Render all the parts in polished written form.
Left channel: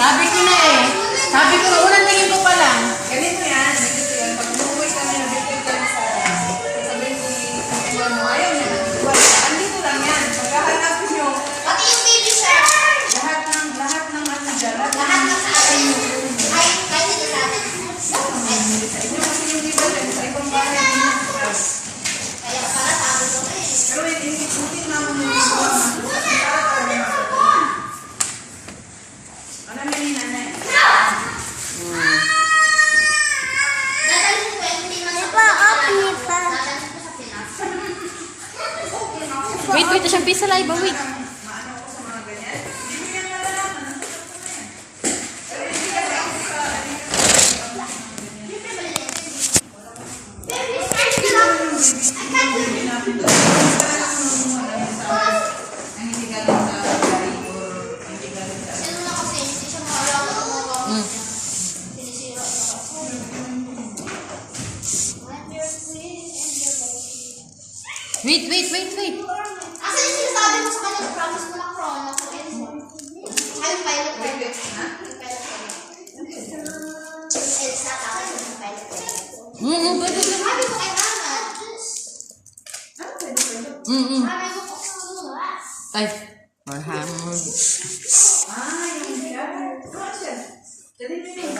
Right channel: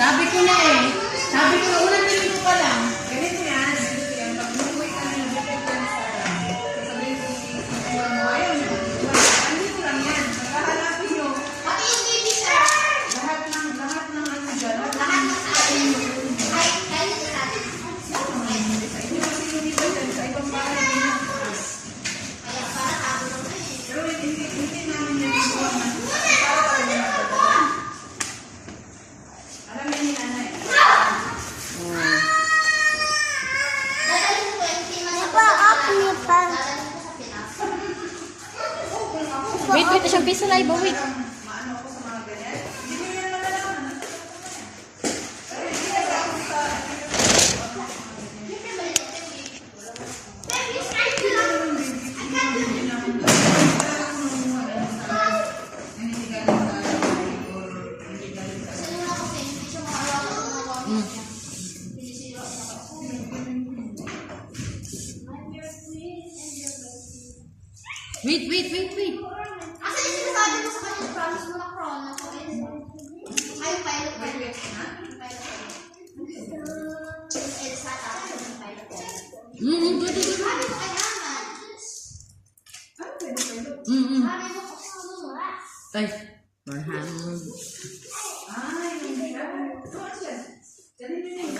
Sabi ko na eh. Sabi ko na unang tingin ko pa lang. Ganito yan. Ganito yan. Pag umuwi ka na, bigyan ka na sa sabihin ko ni ayaw niya ng iwan. Andito lang yan. Pagkahanapin nyo. Pati yung baby sir. Lahat ng ano dyan. Lahat na sa atin. Ay, kahit hindi sa atin. Sa inyo kasi yung iba dyan. Sa ibang bahay din yung house. Kaya para sabi ko to eh. Pero hindi naman yung iwan. Ano namin ni nanay? Dadalhin ko yung tingnan sa dadalhin ko sa Pinas. Wait, siyang pisa live. Wait. Maano ako sa mga ganyan? Hindi nila malalaman. Pero hindi ka ba ako sa Wait. Asan yung sinasabi mo sa kanya? Promise mo na chrono. Ay, yung pilot. na? Yung pilot. Elsa, tapos yung pilot. Pwede. Sabi ko kailangan. Ano pwede? Sabi ko kung Ay, Marhamon. Yung siya. Doon siya. Dali mo yun.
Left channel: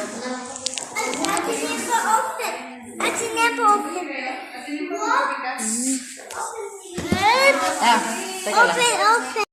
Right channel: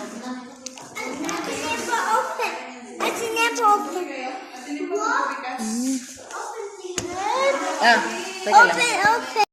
Ah, teka lang. Open.